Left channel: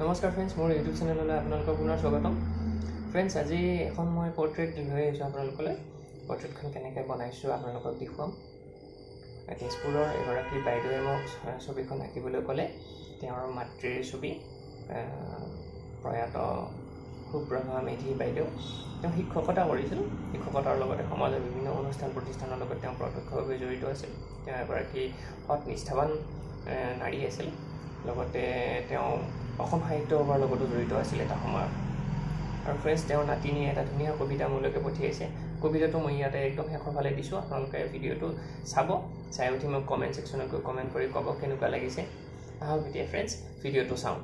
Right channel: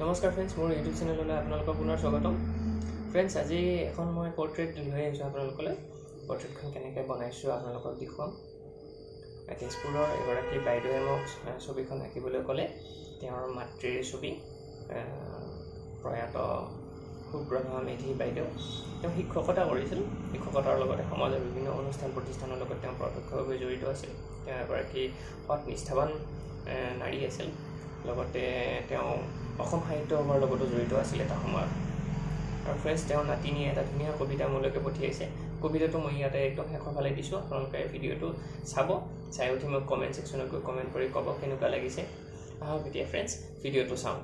নমস্কাৰ ফ্ৰেণ্ডছ, মোৰ ইউটিউব চেনেললৈ আপোনালোকক পুনৰ স্বাগতম। ফ্ৰেণ্ডছ, আজি এখন মই পৰ্ট্ৰেইট লৈ আহিছোঁ আপোনালোকলৈ। পৰ্ট্ৰেইটখন কেনেকৈ বনাইছোঁ আপোনালোকক দেখুৱাম। তেজপুৰৰ এগৰাকী বাইদেৱে মোক ছবিখন আঁকিবলৈ ক'লে। তেওঁৰ মাতৃৰ ছবি, প্ৰয়াত সুপ্ৰভা মেধি বাইদেউ। তেওঁ শিক্ষকতা কৰিছিল। শিক্ষকতাৰ লগতে সমাজৰ বিভিন্ন অনুষ্ঠান প্ৰতিষ্ঠানৰ লগত তেওঁ প্ৰত্যক্ষভাৱে জড়িত আছিল। তেওঁ এগৰাকী সৎ নিষ্ঠাৱান নাৰী আছিল। লগতে তেওঁ অসম সাহিত্য সভাৰ লগতো জড়িত আছিল এটা সময়ত। আৰু ফ্ৰেণ্ডছ, তেওঁৰ নাতিনীয়ে এটা ধুনীয়া কবিতা মোলৈকে পঠিয়াইছে। কবিতাটো মই ইয়াতে একদম শেষৰ ফালে দিছোঁ। আপোনালোকে ভিডিঅ'টো চাব, চাই উঠি মোক কমেণ্ট ছেকশ্যনত গৈ কমেণ্ট কৰি ক'ব কেনেকুৱা লাগিছে। আহক এতিয়া ফ্ৰেণ্ডছ, ভিডিঅ'টো চাওঁ।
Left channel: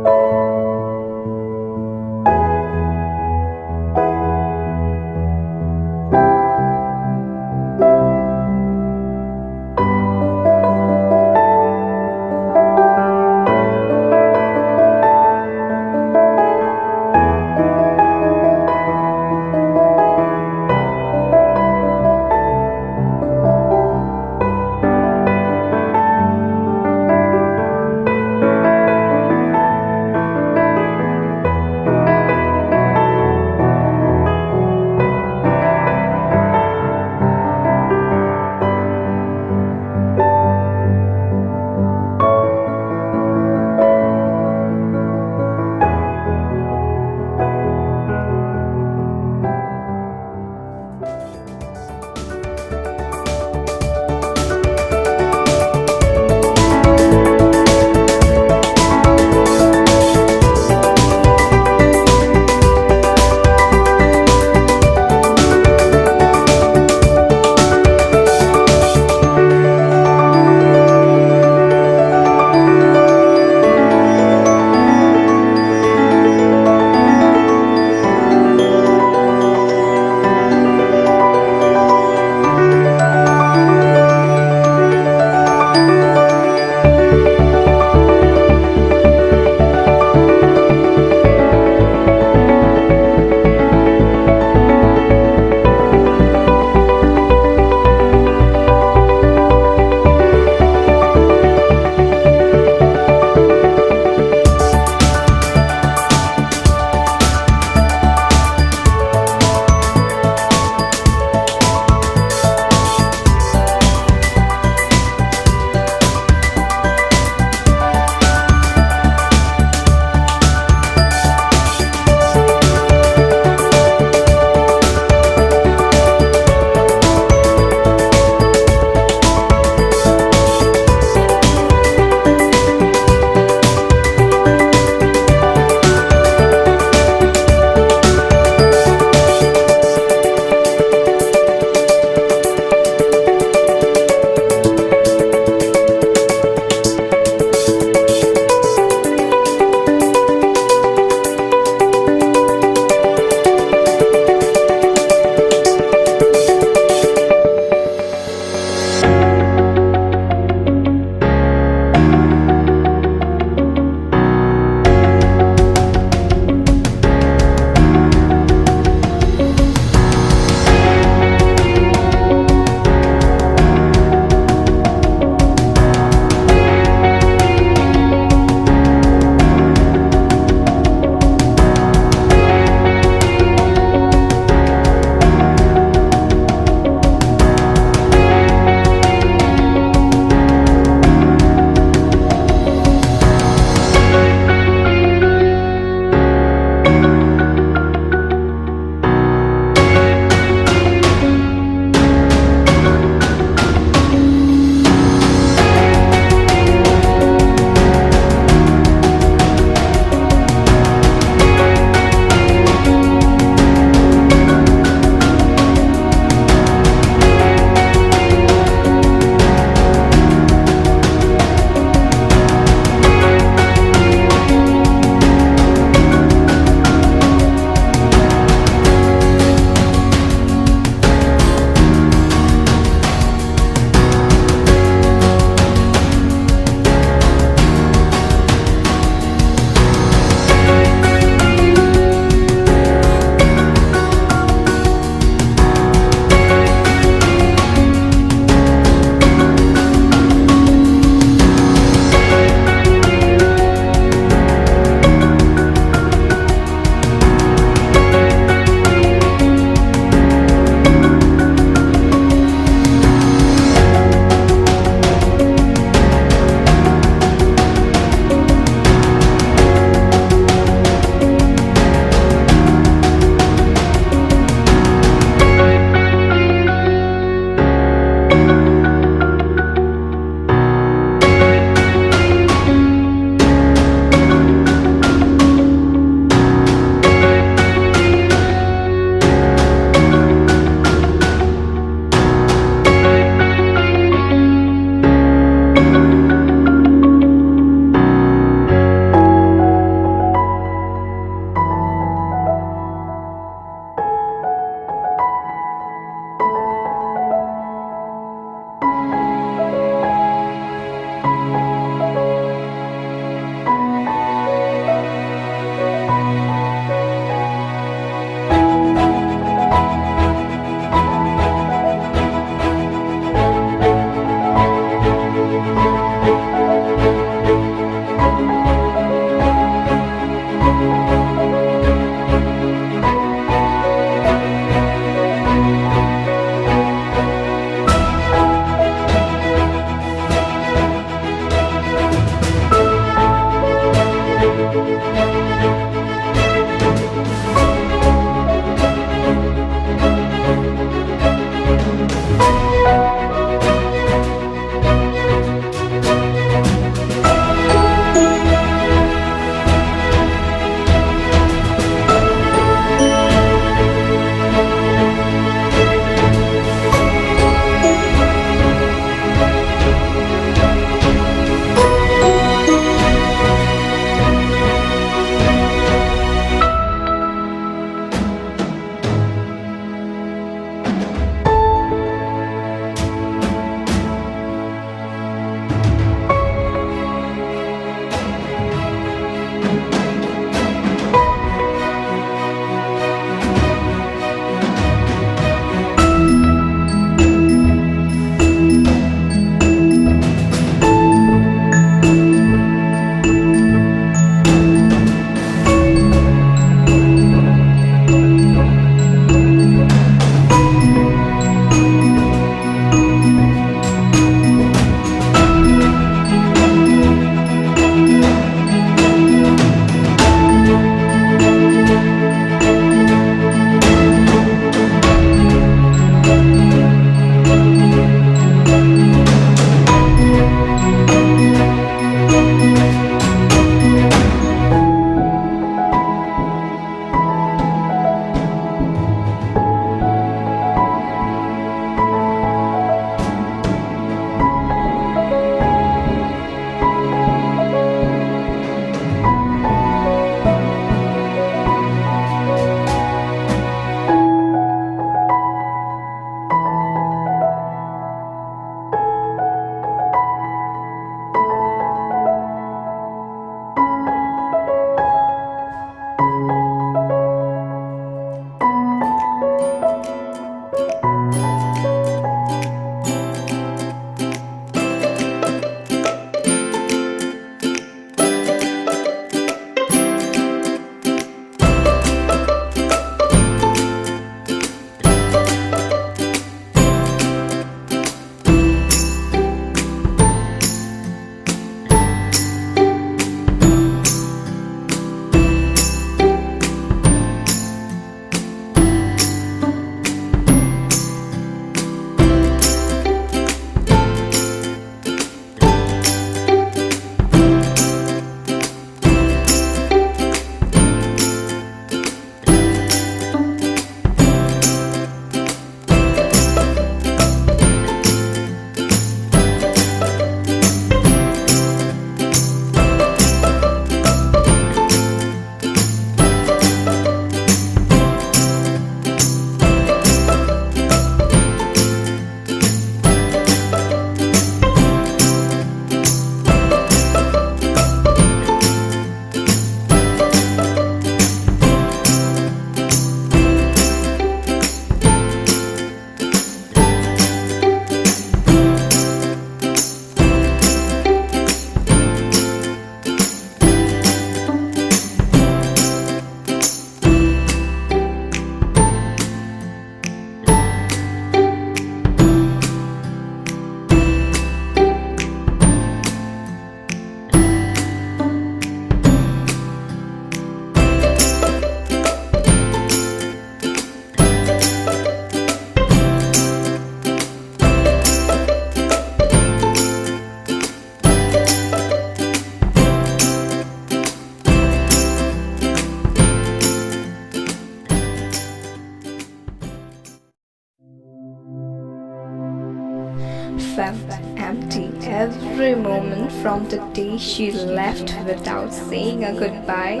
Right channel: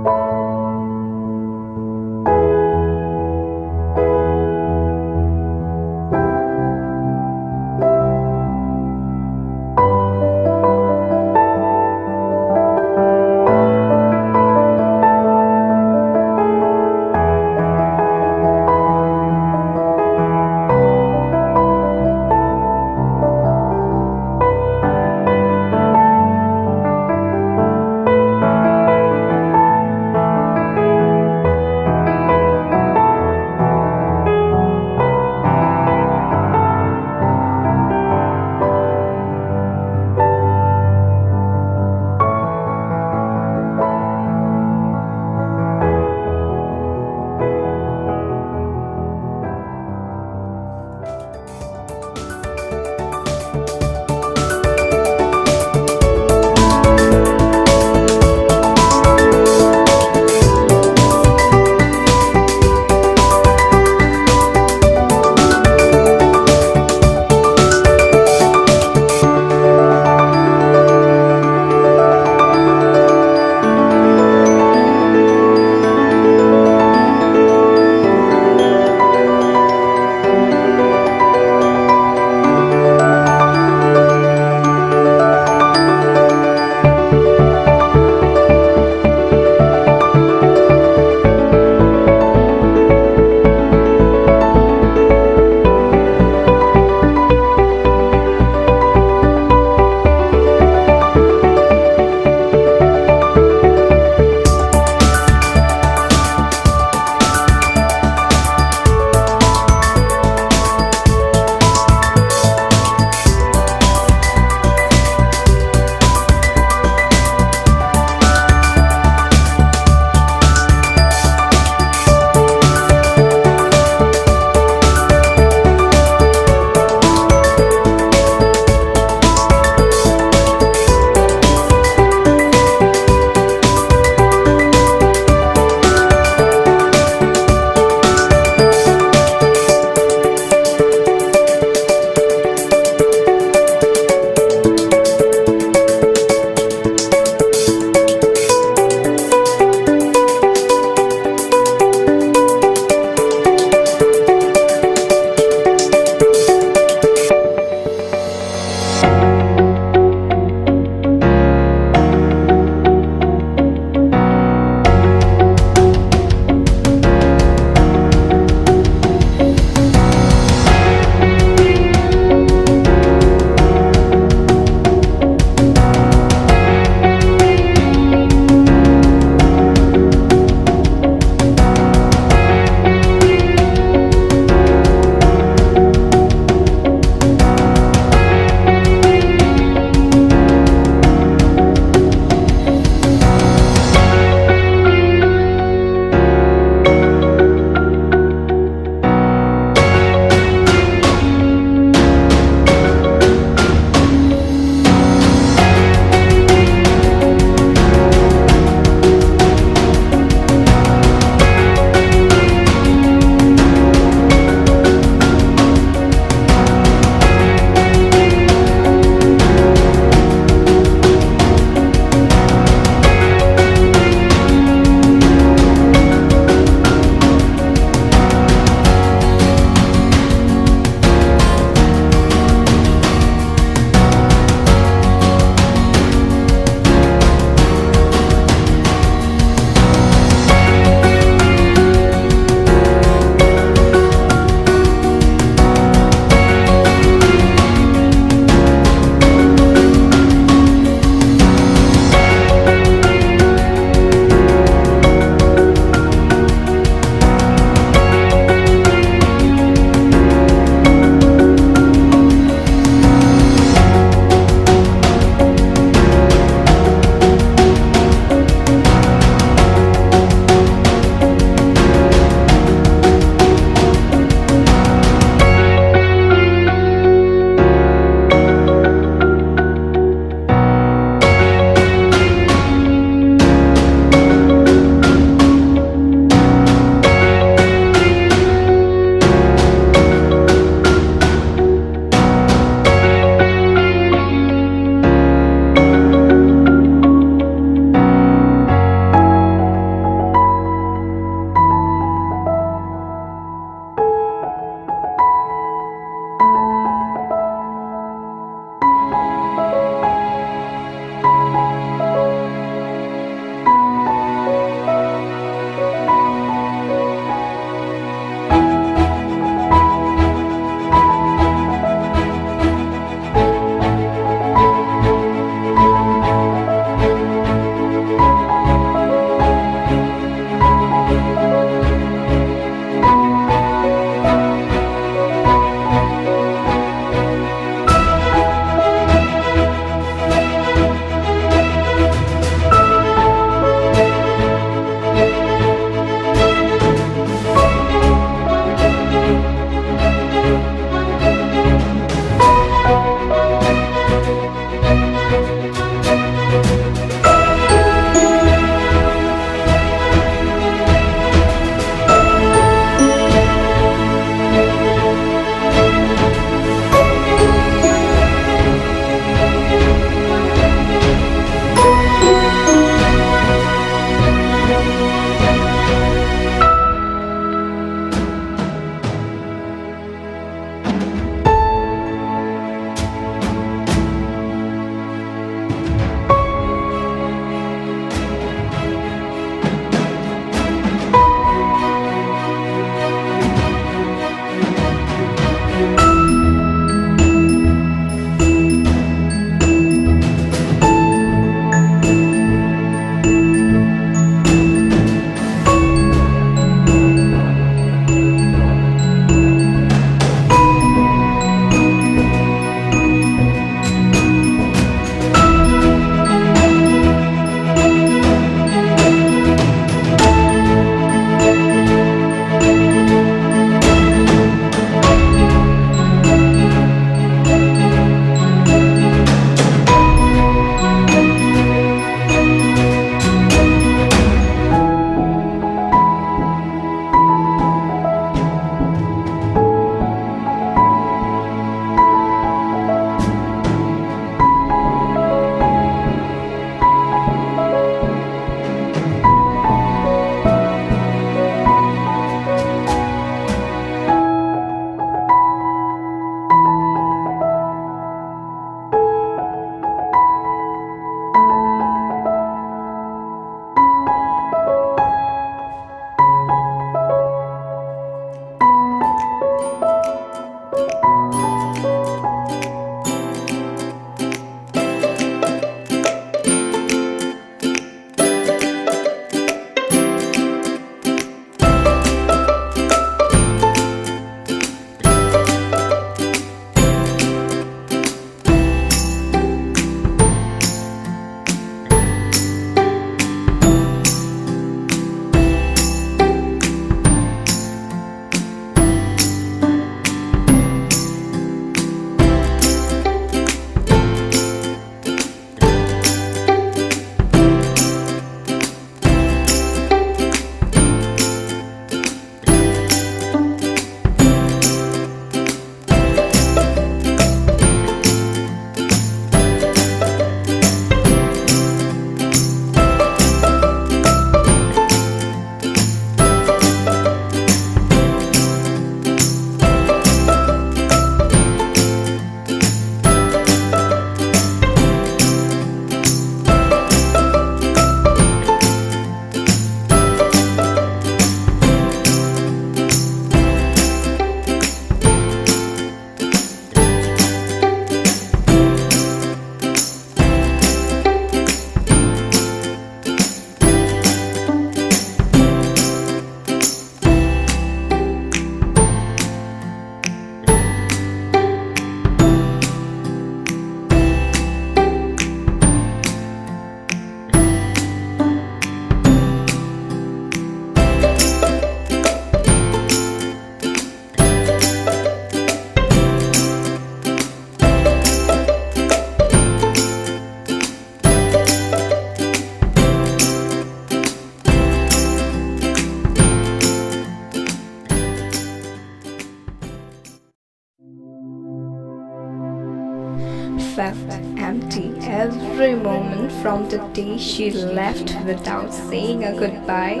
felt empty every moment from the day she left without saying a goodbye.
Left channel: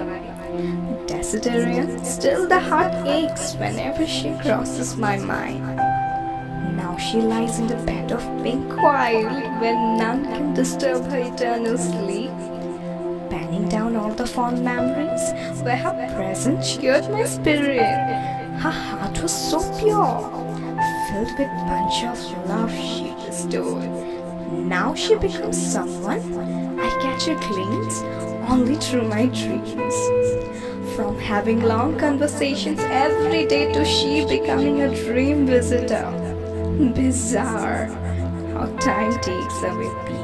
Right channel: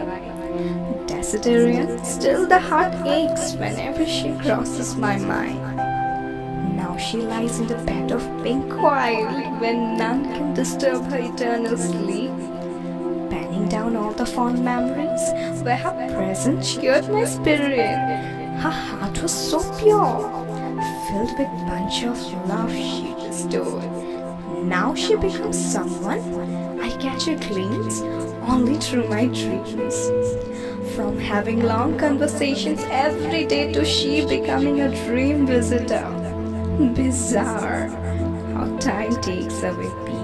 Desiderian, still the heart aches whenever she crosses my mind. Now she lies in the bed of pink wild when none can disturb her eternal sleep, penning down all the fond memories where her presence cheered my spirit. Her heart was so pure, filled with bunch of love she bestowed. Now she becomes someone I catch a glimpse only through my dreams. From having long conversations every day to she becoming a dream visitor. Bizarre how time takes away peace.